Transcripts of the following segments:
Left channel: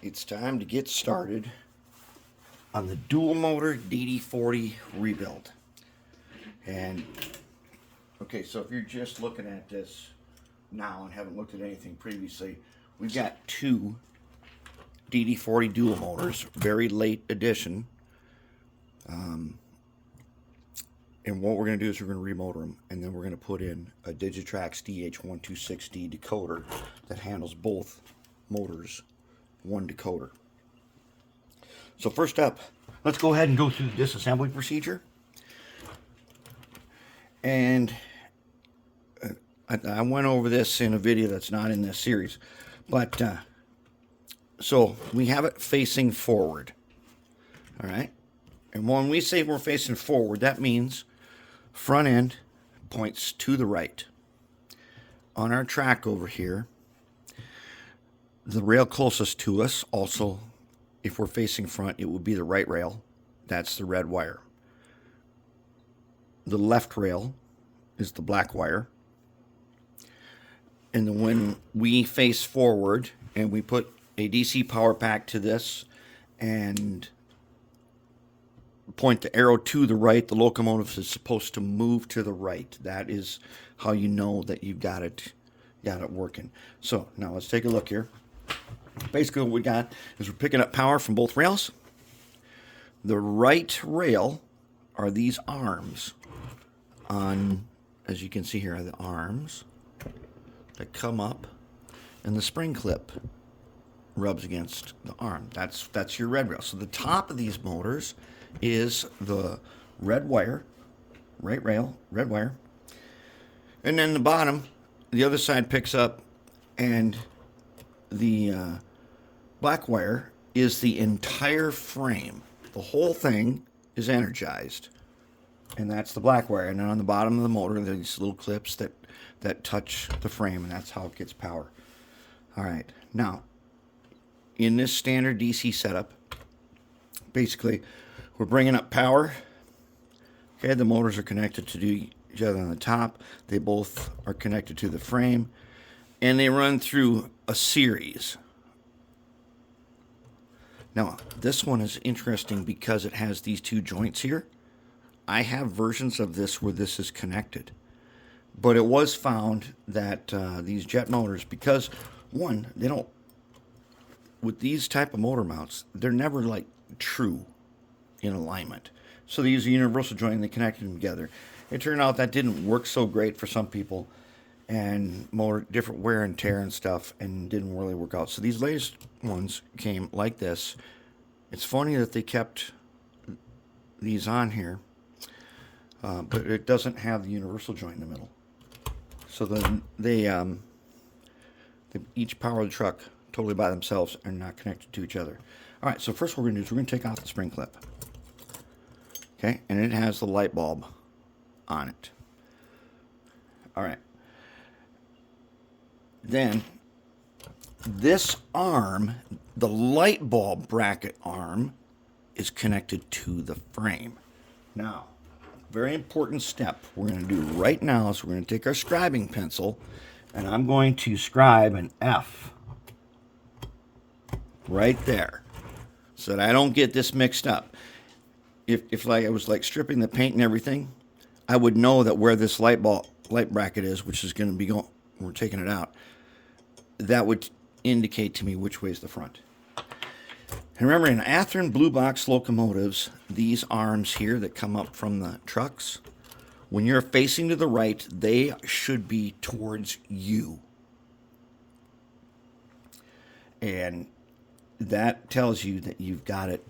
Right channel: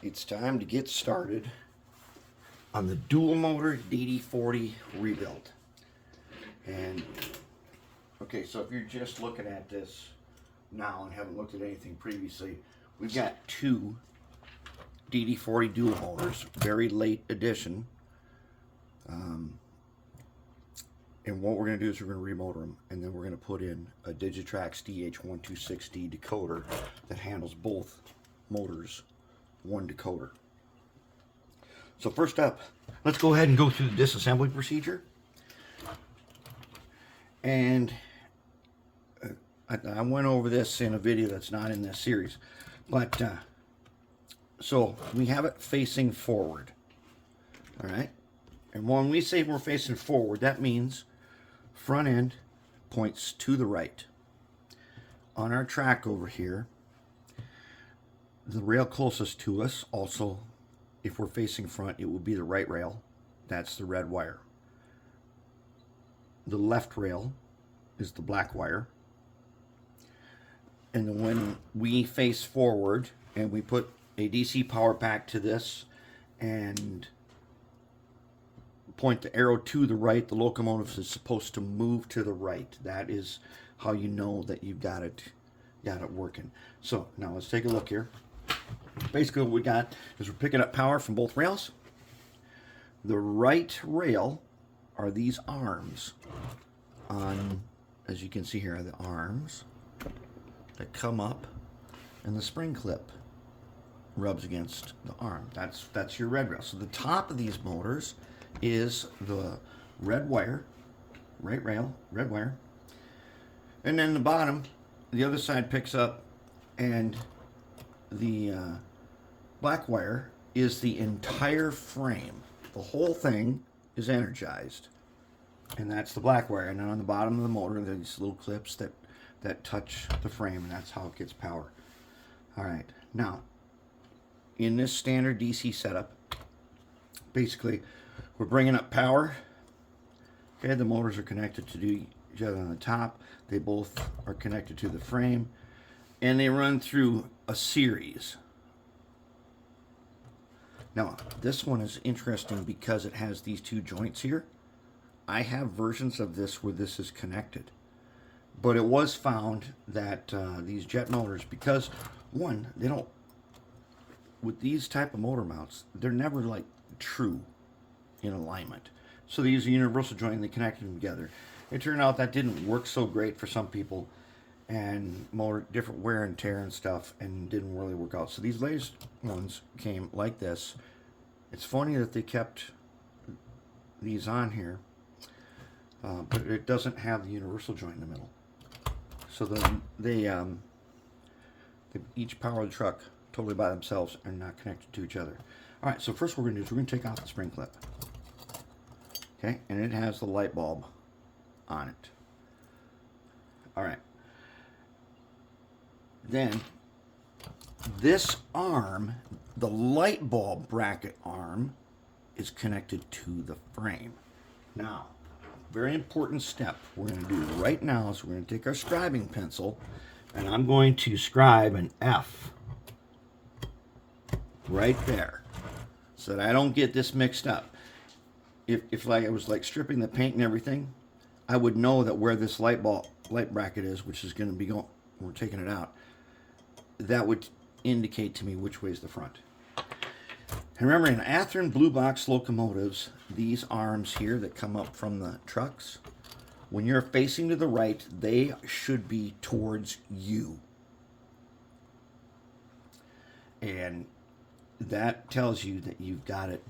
It's time to get started on the dual motor DD40 rebuild. And okay, so if you're just looking at this now and haven't looked at anything previously, we've got two DD40 dual motors, very late edition. And what we're going to do is we're going to remotor them, and then we're going to put in a Digitrax DH126D decoder that handles both motors, one decoder. So first up, let's go ahead and go through the disassembly procedure. And I went over this in a video that's not in this series, but so we have it facing forward. All right, and when we say we're facing forward, that means front end points to the right. On our track over here, the rail closest to us, also, if we're facing front, it would be the right rail. That's the red wire. The left rail is the black wire. And then when we face forward and we put a DC power pack to this and point the arrow to the right, the locomotive is supposed to move to the right. That is how you know that you've got it working. So now let's take a look here. Basically what we got is we're picking up power from both rails. The right rail are these arms on, as you can see here, are the arms that come up, and the spring clip rubs against the arm. That's your red rail. So the top of these motors is the red wire, right rail, red wire. And then the bottom, the other side picks up, and the black wire is the entire frame. The whole thing is energized, and that's the black wire. And then on the bottom of the motor, there's these little clips that touch the frame, and that's how it gets power. All right, now, in this standard DC setup, basically, we're bringing up power. Okay, the motors are connected to each other on the top. They both are connected to the frame, and they run through a series. Now, this one is interesting because it has these two joints here. I have versions of this where this is connected, but it was found that these jet motors, because one, they don't, with these type of motor mounts, they're never like true in alignment. So they use a universal joint and they connected them together. It turned out that didn't work so great for some people, and more different wear and tear and stuff, and didn't really work out. So these latest ones came like this. It's funny that they kept these on here, but it doesn't have the universal joint in the middle. So then they each power the truck totally by themselves and not connected to each other. All right, so first what we're going to do is we're going to take off the spring clip. Okay, and it has the light bulb on it. All right. Then this arm, the light bulb bracket arm, is connected to the frame. Now, very important step we're going to do right now is we're going to take our scribing pencil, and I'm going to scribe an F right there so that I don't get this mixed up. If like I was like stripping the paint and everything, I would know that where this light bracket is, which is going to be going, we're taking it out, that would indicate to me which way is the front. And remember, in Ahtearn Blue Box locomotives, these arms here that come up from the trucks, when you're facing to the right, they should be towards you. And that tells you that you've got it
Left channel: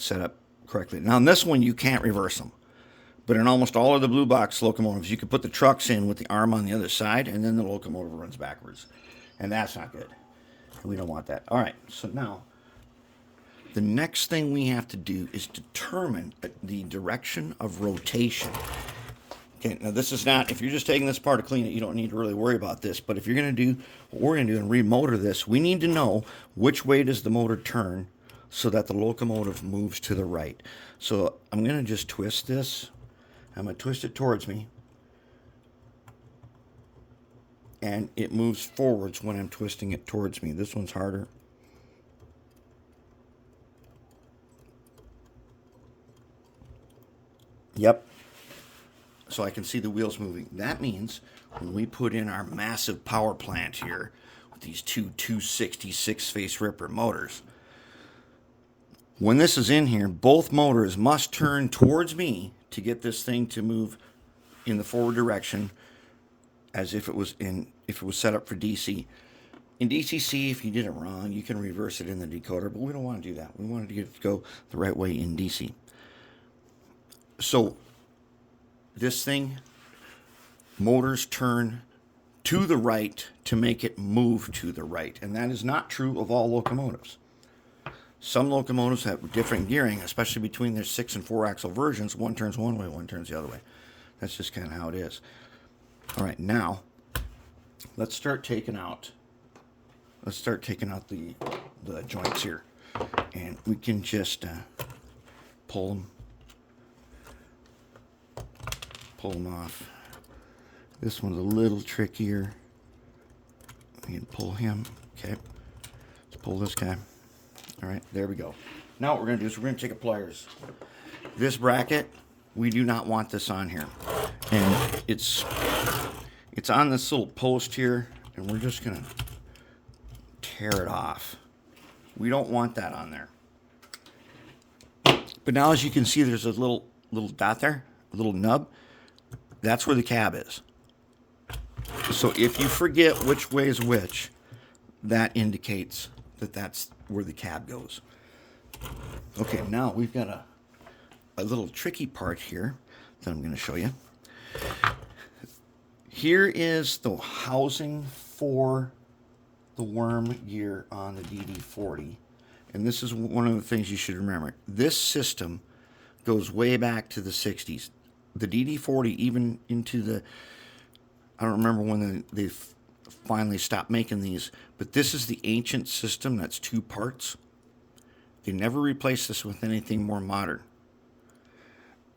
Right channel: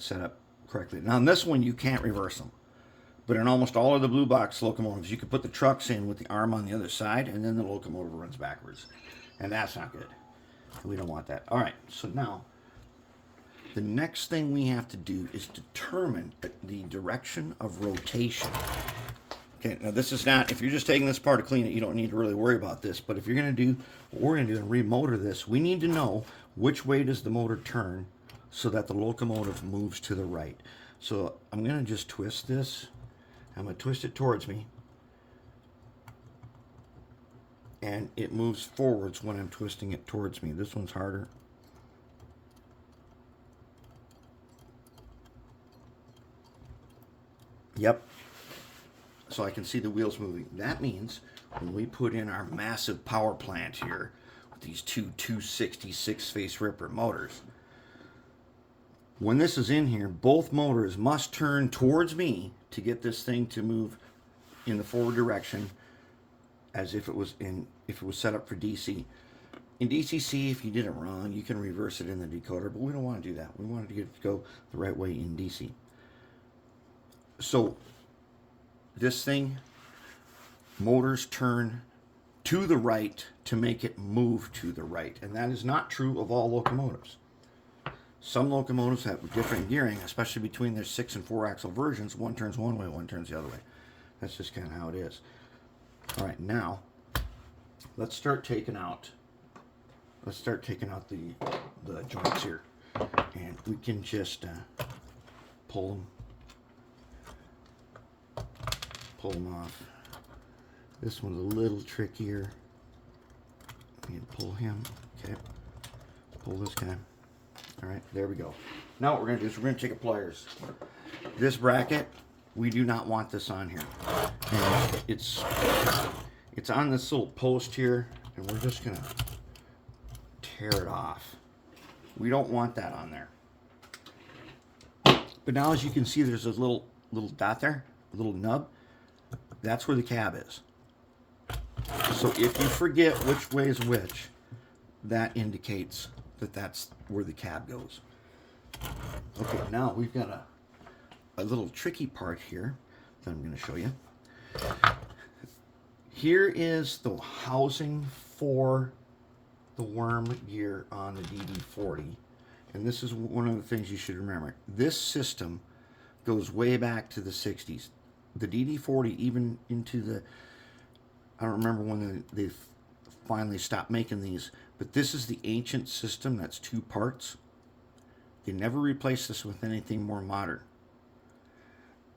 set up correctly. Now, in this one, you can't reverse them. But in almost all of the Blue Box locomotives, you could put the trucks in with the arm on the other side, and then the locomotive runs backwards. And that's not good. We don't want that. All right, so now, the next thing we have to do is determine the direction of rotation. Okay, now this is not, if you're just taking this apart to clean it, you don't need to really worry about this. But if you're going to do what we're going to do and remotor this, we need to know which way does the motor turn so that the locomotive moves to the right. So I'm going to just twist this. I'm going to twist it towards me. And it moves forwards when I'm twisting it towards me. This one's harder. Yep. So I can see the wheels moving. That means when we put in our massive power plant here, with these two 266 face ripper motors, when this is in here, both motors must turn towards me to get this thing to move in the forward direction as if it was set up for DC. In DCC, if you did it wrong, you can reverse it in the decoder, but we don't want to do that. We wanted to get it to go the right way in DC. So this thing, motors turn to the right to make it move to the right, and that is not true of all locomotives. Some locomotives have different gearing, especially between their 6 and 4 axle versions. One turns one way, one turns the other way. That's just kind of how it is. All right, now let's start taking out the joints here, and we can just pull them off. This one's a little trickier. We can pull him. Okay, let's pull this guy. All right, there we go. Now what we're going to do is we're going to take a pliers. This bracket, we do not want this on here, and it's on this little post here, and we're just going to tear it off. We don't want that on there. But now, as you can see, there's a little dot there, a little nub. That's where the cab is. So if you forget which way is which, that indicates that that's where the cab goes. Okay, now we've got a little tricky part here that I'm going to show you. Here is the housing for the worm gear on the DD40, and this is one of the things you should remember. This system goes way back to the 60s. The DD40 even into the, I don't remember when they finally stopped making these, but this is the ancient system that's 2 parts. They never replaced this with anything more modern.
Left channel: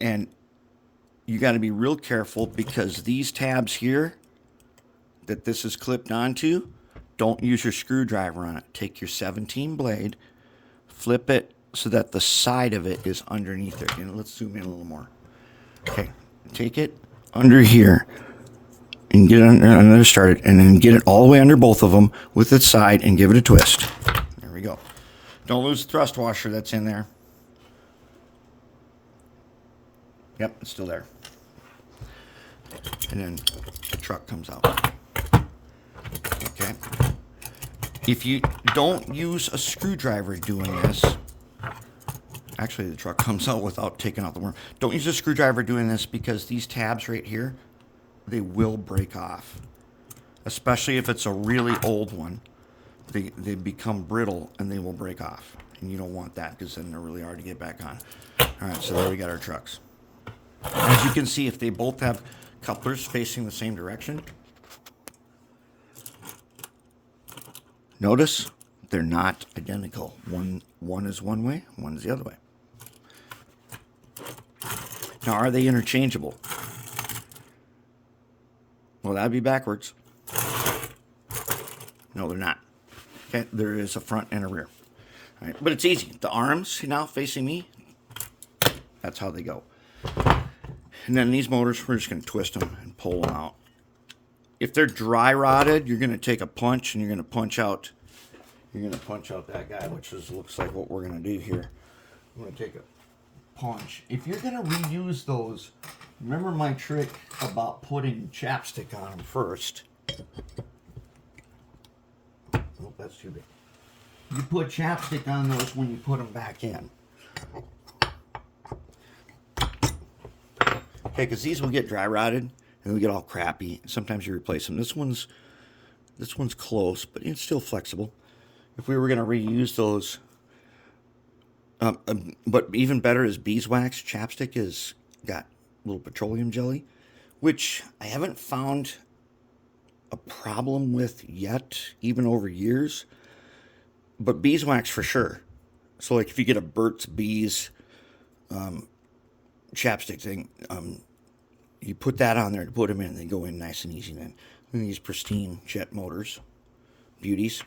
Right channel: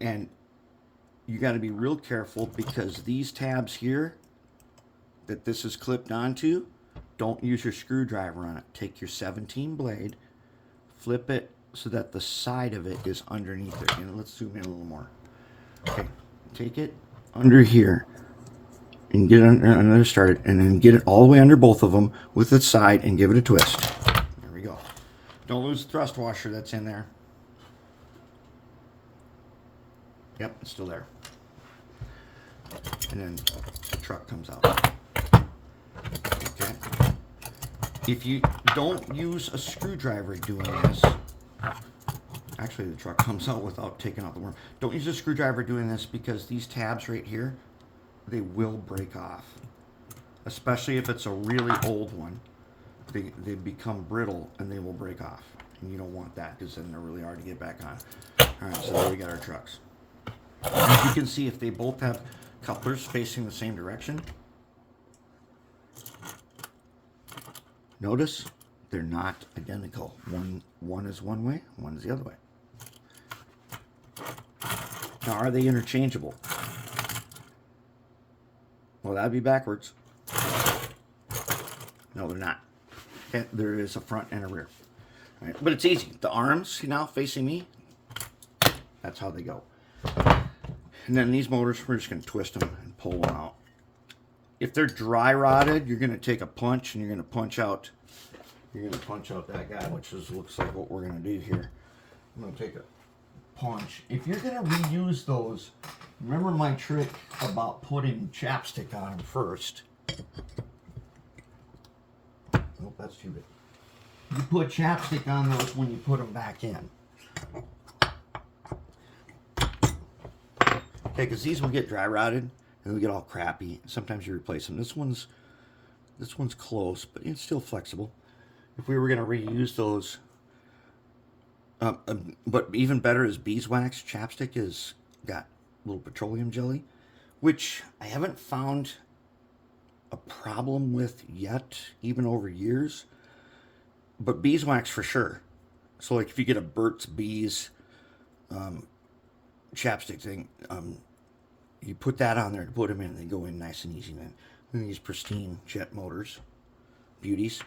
And you got to be real careful, because these tabs here that this is clipped onto, don't use your screwdriver on it. Take your 17 blade, flip it so that the side of it is underneath it. And let's zoom in a little more. Okay, take it under here and get it under started, and then get it all the way under both of them with its side and give it a twist. There we go. Don't lose the thrust washer that's in there. Yep, it's still there. And then the truck comes out. Okay. If you don't use a screwdriver doing this, actually the truck comes out without taking out the worm. Don't use a screwdriver doing this, because these tabs right here, they will break off. Especially if it's a really old one. They become brittle and they will break off. And you don't want that, because then they're really hard to get back on. Alright, so there we got our trucks. As you can see, if they both have couplers facing the same direction, notice they're not identical. One is one way, one is the other way. Now, are they interchangeable? Well, that'd be backwards. No, they're not. Okay, there is a front and a rear. All right, but it's easy. The arms now facing me, that's how they go. And then these motors, we're just going to twist them and pull them out. If they're dry rotted, you're going to take a punch and you're going to punch out. You're going to punch out that guy, which looks like what we're going to do here. I'm going to take a punch. If you're going to reuse those, remember my trick about putting chapstick on them first. Oh, that's too big. You put chapstick on those when you put them back in. Okay, because these will get dry rotted and they get all crappy. Sometimes you replace them. This one's close, but it's still flexible. If we were going to reuse those, but even better is beeswax. Chapstick has got a little petroleum jelly, which I haven't found a problem with yet, even over years. But beeswax for sure. So like if you get a Burt's Bees chapstick thing, you put that on there to put them in, they go in nice and easy then. And these pristine jet motors, beauties.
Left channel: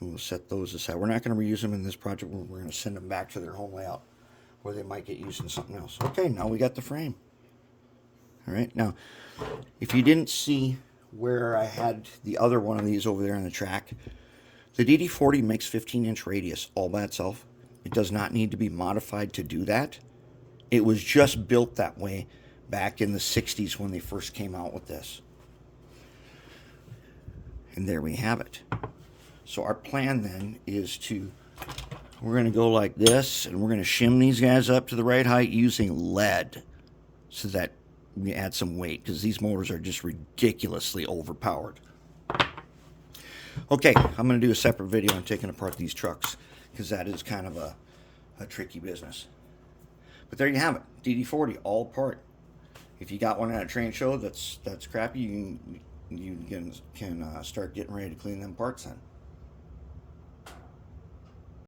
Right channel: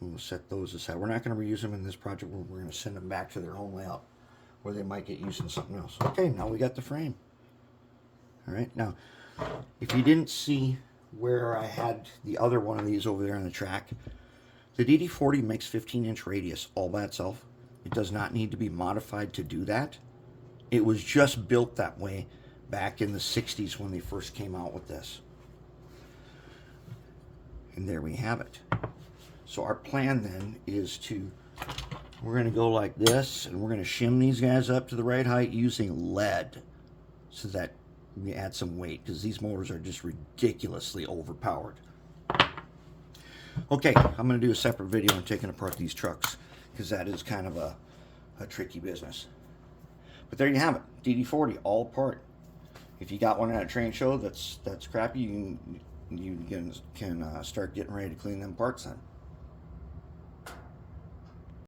We'll set those aside. We're not going to reuse them in this project. We're going to send them back to their home layout. or they might get used in something else. Okay, now we got the frame. All right, now, if you didn't see where I had the other one of these over there on the track, the DD40 makes 15-inch radius all by itself. It does not need to be modified to do that. It was just built that way back in the 60s when they first came out with this. And there we have it. So our plan then is we're going to go like this, and we're going to shim these guys up to the right height using lead so that we add some weight, because these motors are just ridiculously overpowered. Okay, I'm going to do a separate video on taking apart these trucks, because that is kind of a tricky business. But there you have it, DD40 all apart. If you got one at a train show that's crappy, you can start getting ready to clean them parts then.